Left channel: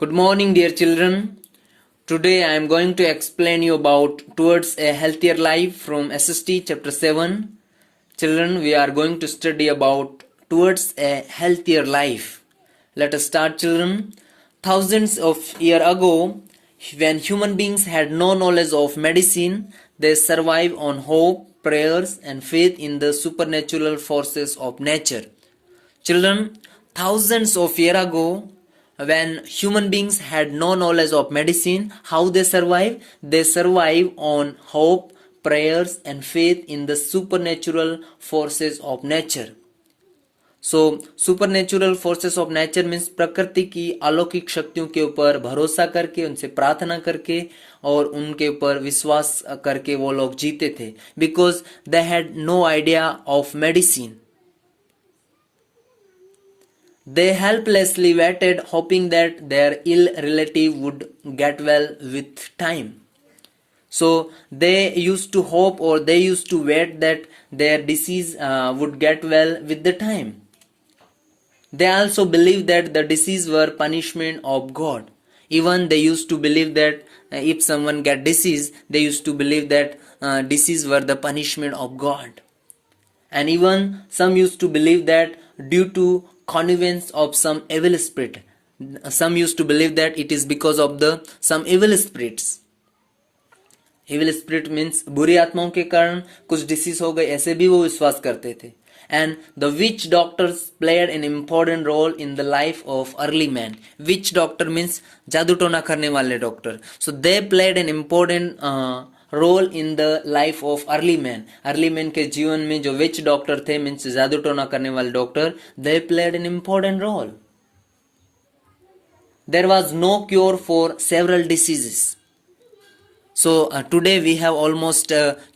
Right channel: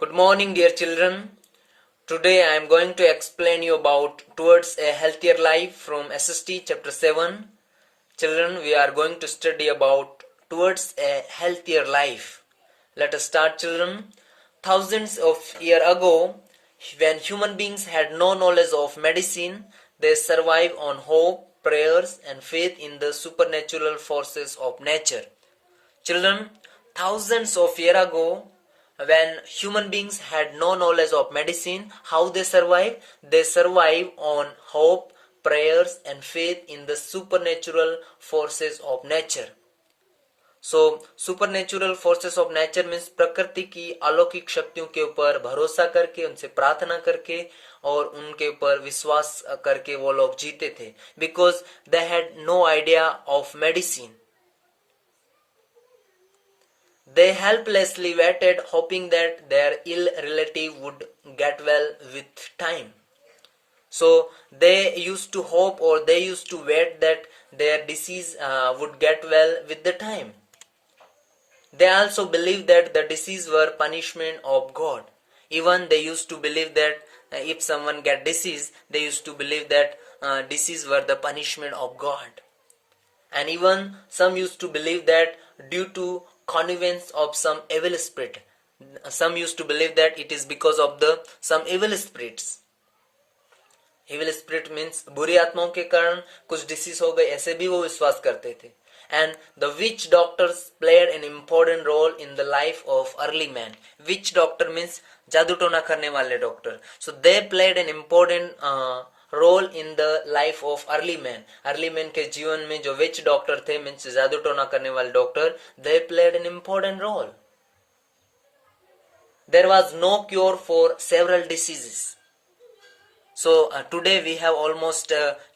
Good morning, dear children. Today I am going to explain you about Towards a Healthier Life from SST chapter 7. Children, we are going to study about Towards a Healthier Life. Let us start, children. Thousands of years ago, when human beings had no knowledge of medicine, they survived on hope, prayers, and faith in the supernatural forces of nature. Children, thousands of years ago, when human beings had no knowledge of medicine, how they survive? They survive on hope, prayers, and faith in the supernatural forces of nature. So supernatural forces of nature means प्रकृति की अलौकिक शक्तियों के ऊपर भरोसा करके, उनसे प्रार्थना करके और उनके ऊपर विश्वास करके वो लोग जीते थे, because they had no idea of medicine. They helplessly waited, hoping that their ill relative would get well with time. So they used to hope, or they used to wait that their disease would get well with the time. They also believed that the disease were punishment of God. Even they used to believe that if someone get disease, they used to believe that disease were the punishment of God. And even some used to believe that due to connivance of some evil spirit, some used to believe that it is because of the some evil spirits. Evil spirit means बुरी आत्माओं के कारण कुछ disease हो गए, ऐसे भी वो विश्वास करते थे. And the witch doctors played an important role in the life of early man. Witch doctor means जादू टोना करने वाले doctor. So they played an important role in the life of early man. Early man के जीवन में जो विच doctor थे, means जादू टोना करने वाले doctor, they played an important role. There was no cure for several diseases. So today we have almost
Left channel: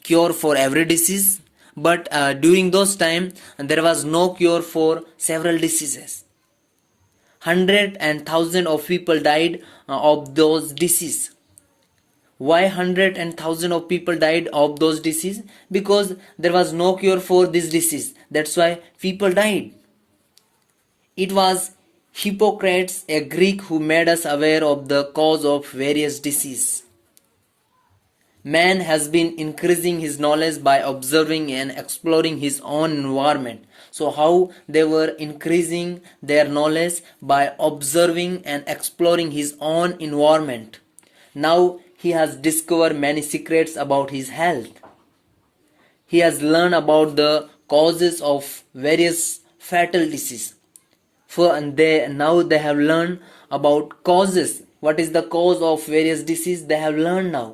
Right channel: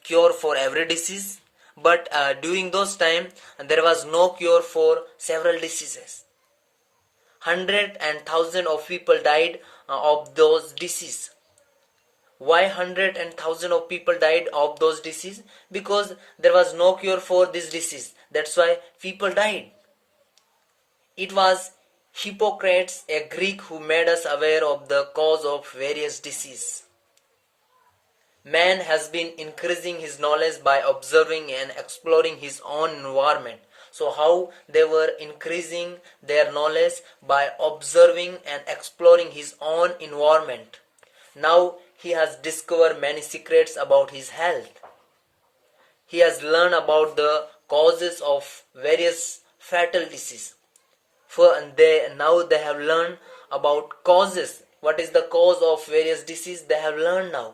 cure for every disease, but during those time there was no cure for several diseases. 100 and 1000 of people died of those diseases. Why 100 and 1000 of people died of those diseases? Because there was no cure for this disease. That's why people died. It was Hippocrates, a Greek, who made us aware of the cause of various diseases. Man has been increasing his knowledge by observing and exploring his own environment. So how they were increasing their knowledge? By observing and exploring his own environment. Now he has discovered many secrets about his health. He has learned about the causes of various fatal diseases. Now they have learned about causes. What is the cause of various diseases? They have learned now.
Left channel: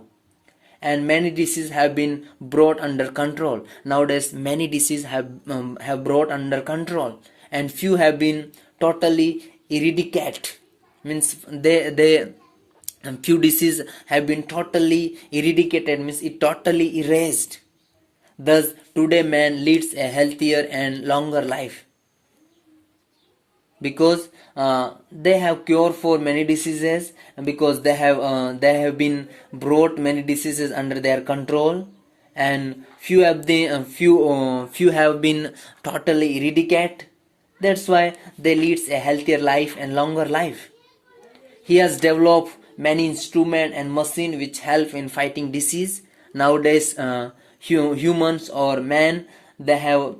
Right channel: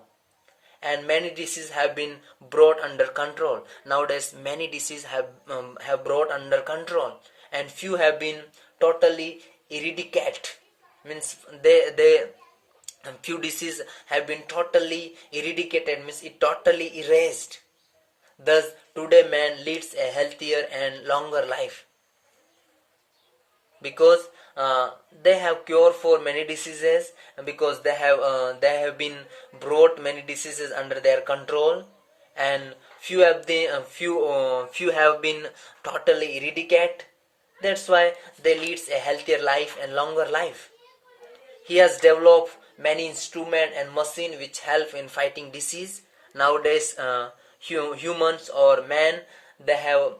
And many diseases have been brought under control. Nowadays many diseases have brought under control. And few have been totally eradicated. Means and few diseases have been totally eradicated, means it totally erased. Thus today man leads a healthier and longer life, because they have cure for many diseases, because they have been brought many diseases under their control, and few have been totally eradicated. That's why they leads a healthier life and longer life. He has developed many instruments and machines which help in fighting disease. Nowadays humans or men, they have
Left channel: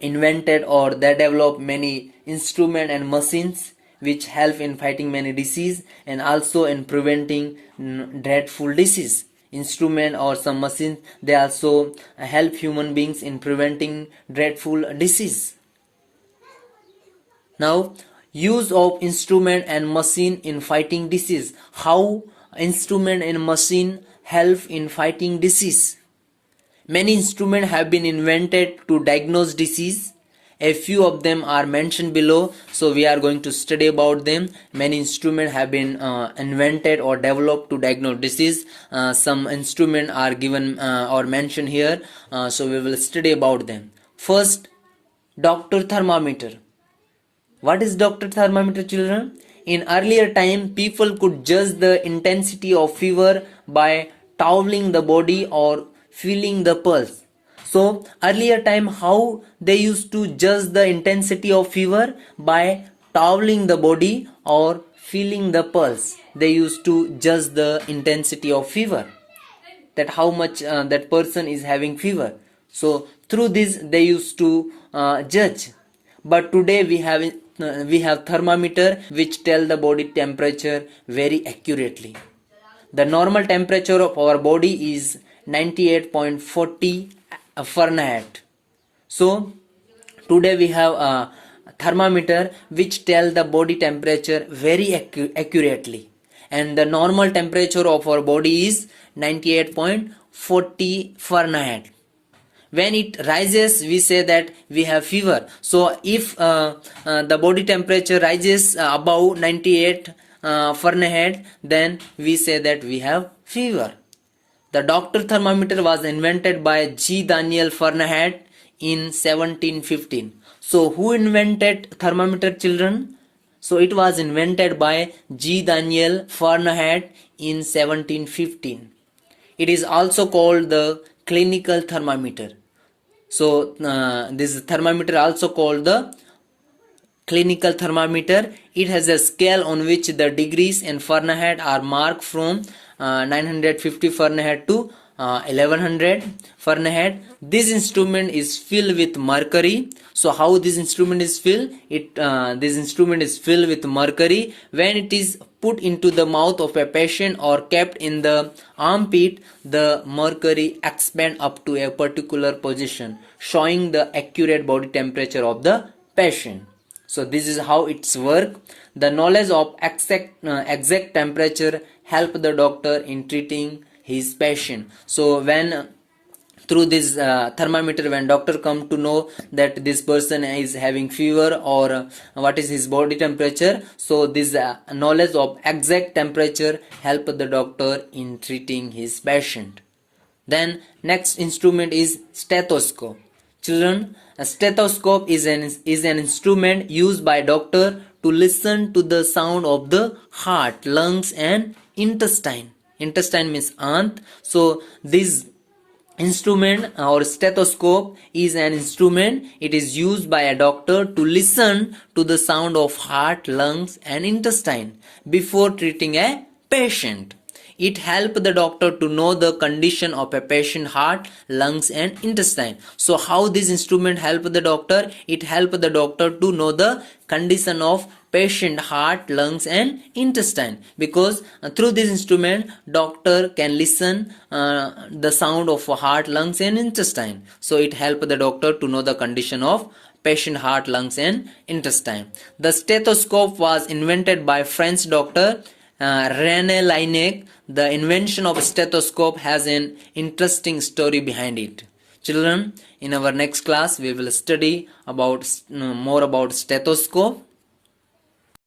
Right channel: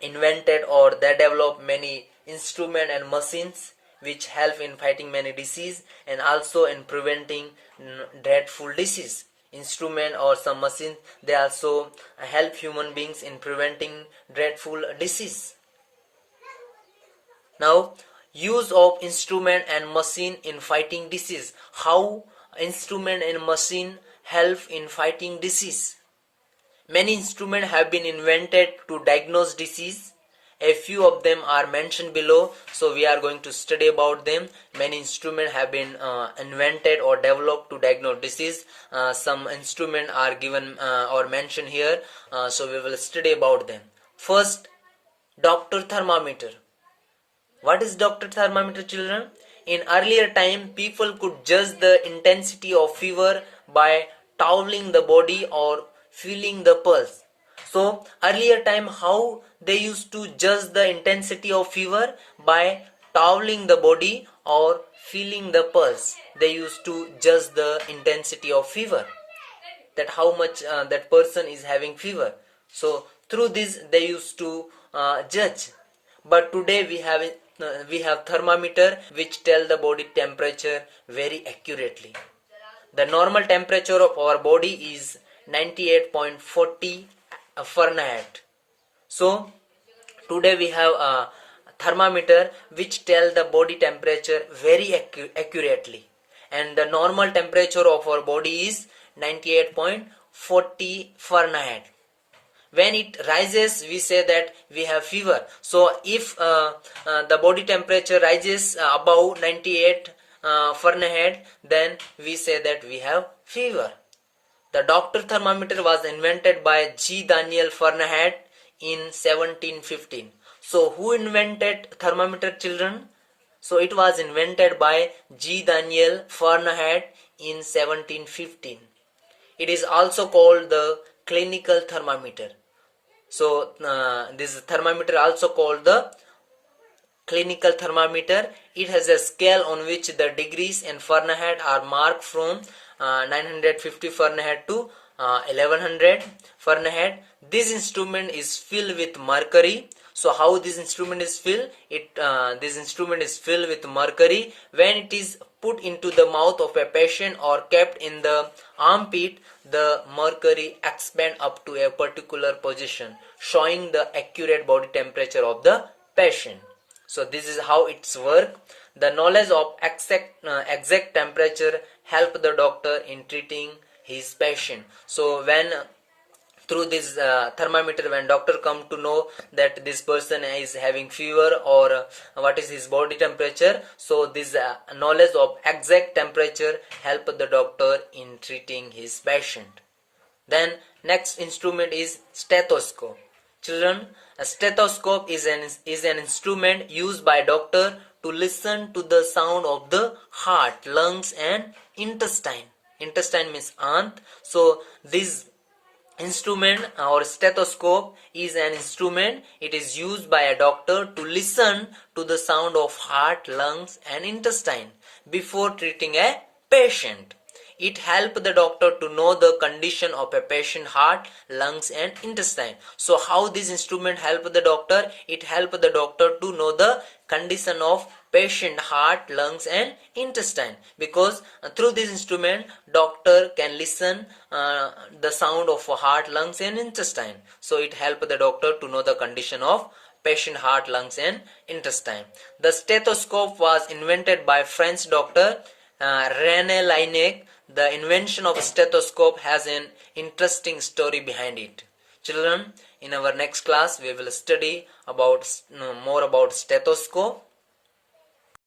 invented or they develop many instruments and machines which help in fighting many disease and also in preventing dreadful disease. Instrument or some machines, they also help human beings in preventing dreadful disease. Now, use of instrument and machine in fighting disease. How instrument and machine help in fighting disease? Many instruments have been invented to diagnose disease. A few of them are mentioned below, so we are going to study about them. Many instruments have been invented or developed to diagnose disease. Some instruments are given or mentioned here, so we will study about them. First, doctor thermometer. What is doctor thermometer, children? In earlier time, people could judge the intensity of fever by toweling the body or feeling the pulse. So earlier time, how they used to judge the intensity of fever? By toweling the body or feeling the pulse. They used to judge the intensity of fever, that how much that person is having fever. So through this they used to judge. But today we have thermometer which tell the body temperature very accurately. The normal temperature of our body is 98.40 Fahrenheit. So today we have a thermometer which tell the body temperature very accurately, and the normal temperature of our body is 98.40 Fahrenheit. When it rises, we say that we have fever. So if the body temperature rises above 98 Fahrenheit, then we say that we have fever. The doctor thermometer was invented by G. Daniel Fahrenheit in 1715. So who invented thermometer, children? So it was invented by G. Daniel Fahrenheit in 1715. It is also called the clinical thermometer. So this thermometer also called the clinical thermometer. It has a scale on which the degrees in Fahrenheit are marked from 950 Fahrenheit to 1100 Fahrenheit. This instrument is filled with mercury. So how this instrument is filled? This instrument is filled with mercury. When it is put into the mouth of a patient or kept in the armpit, the mercury expand up to a particular position, showing the accurate body temperature of the patient. So this is how it's work. The knowledge of exact temperature help the doctor in treating his patient. So when through this thermometer, when doctor come to know that this person is having fever or what is his body temperature, so this knowledge of exact temperature help the doctor in treating his patient. Then next instrument is stethoscope. Children, a stethoscope is an instrument used by doctor to listen to the sound of the heart, lungs and intestine. Intestine means ant. So this instrument or stethoscope is an instrument. It is used by a doctor to listen to the sound of heart, lungs and intestine before treating a patient. It helps the doctor to know the condition of a patient heart, lungs and intestine. So how this instrument help the doctor? It help the doctor to know the condition of patient heart, lungs and intestine, because through this instrument doctor can listen the sound of heart, lungs and intestine. So it help the doctor to know the condition of patient heart, lungs and intestine. The stethoscope was invented by French doctor René Laennec. The invention of a stethoscope has an interesting story behind it. Children, in our next class we will study about more about stethoscope.